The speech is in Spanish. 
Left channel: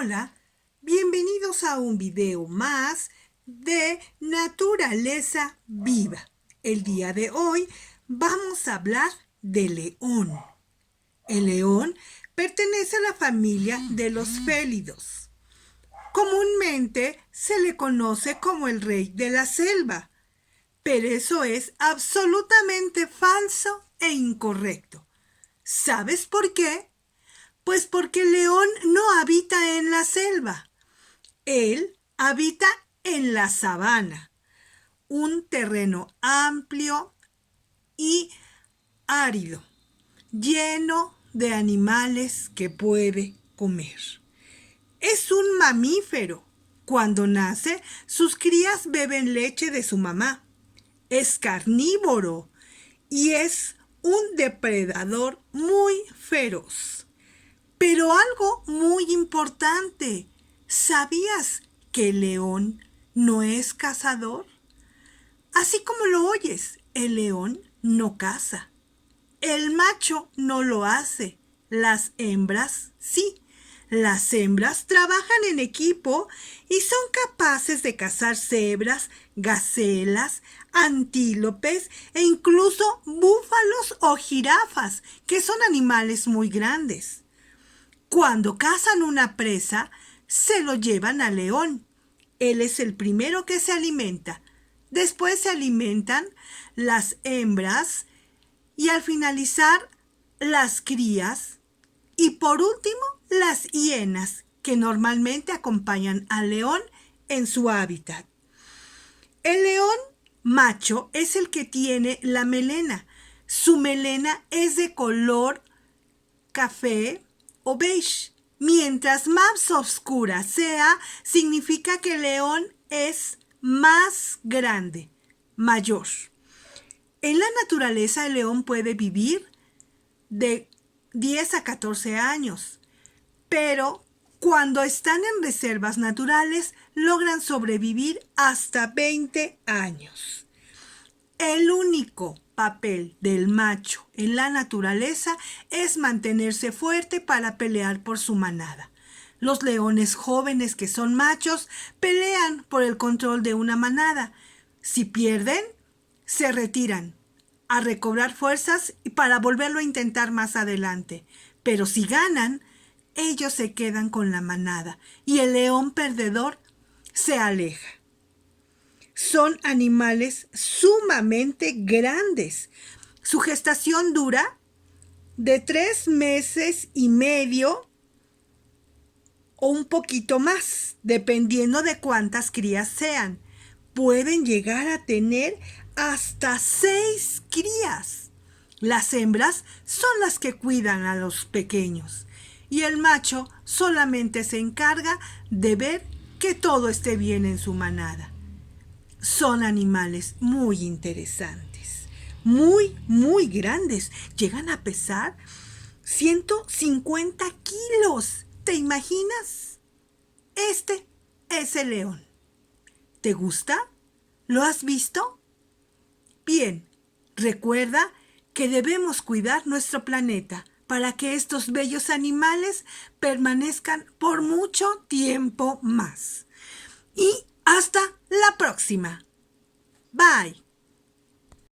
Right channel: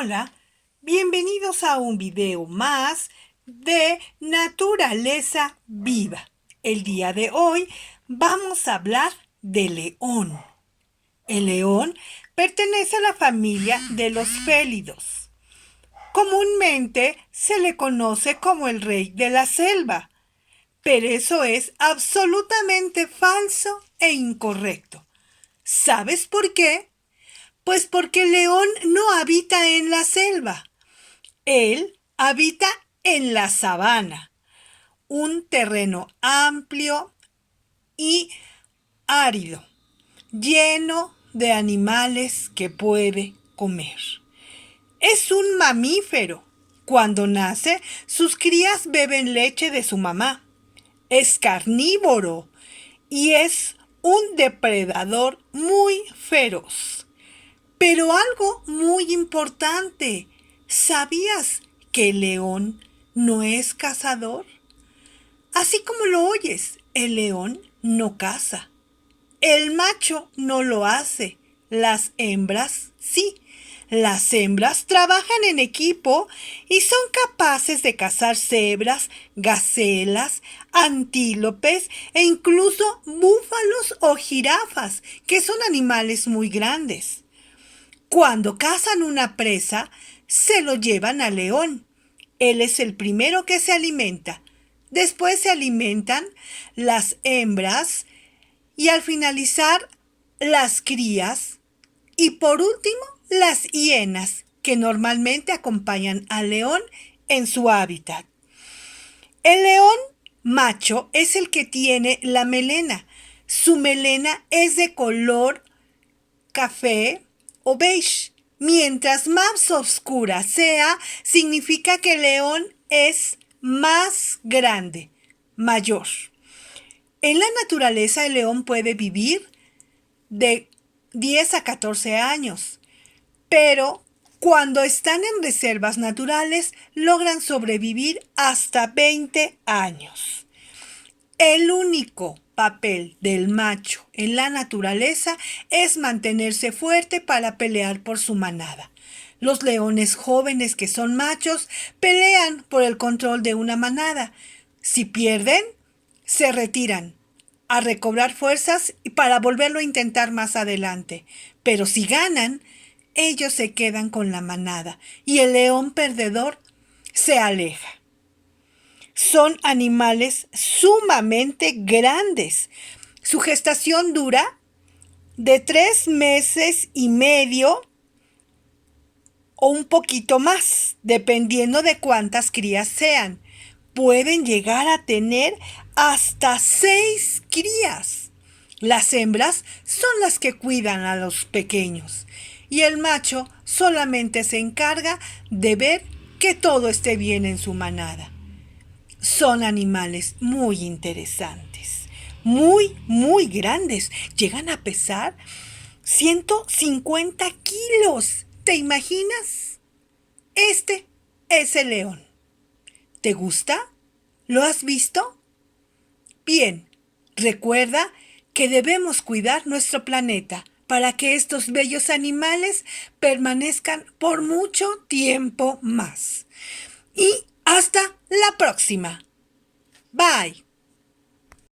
Hola, bienvenidos a un video más de Naturaleza Viva. El día de hoy vamos a hablar de león. El león pertenece a la familia de los félidos. Comúnmente se le conoce como el rey de la selva, pero eso es absolutamente falso e incorrecto. ¿Sabes por qué? Pues porque el león no habita en la selva. Él habita en la sabana, un terreno amplio y árido, lleno de animales que puede comer. Es un mamífero. Cuando nace, sus crías beben leche de su mamá. Es carnívoro y es un depredador muy feroz. Pero algo muy importante, ¿sabías que el león no es cazador? Así como lo oyes, el león no caza. El macho no lo hace, las hembras sí. Las hembras trabajan en equipo y son capaces de cazar cebras, gacelas, antílopes e incluso búfalos o jirafas, que son animales muy grandes. Cuando cazan una presa, se lo llevan al león. Él es el primero que se alimenta. Después se alimentan las hembras y al finalizar las crías y por último las hienas que normalmente acompañan al león en su hábitat. El león macho es el que tiene la melena. Su melena es de color café o beige. Mientras más oscura sea, significa que el león es más grande, mayor. En la naturaleza, el león puede vivir de 10 a 14 años, pero cuando están en reservas naturales, logran sobrevivir hasta 20 años. El único papel del macho en la naturaleza es mantenerse fuerte para pelear por su manada. Los leones jóvenes que son machos pelean por el control de una manada. Si pierden, se retiran a recobrar fuerzas y para volverlo a intentar más adelante. Pero si ganan, ellos se quedan con la manada y el león perdedor se aleja. Son animales sumamente grandes. Su gestación dura de 3 meses y medio o un poquito más, dependiendo de cuántas crías sean. Pueden llegar a tener hasta 6 crías. Las hembras son las que cuidan a los pequeños y el macho solamente se encarga de ver que todo esté bien en su manada. Son animales muy interesantes, muy grandes. Llegan a pesar 150 kilos. ¿Te imaginas? Este es el león. ¿Te gusta? ¿Lo has visto? Bien, recuerda que debemos cuidar nuestro planeta para que estos bellos animales permanezcan por mucho tiempo más. Y hasta la próxima. Bye.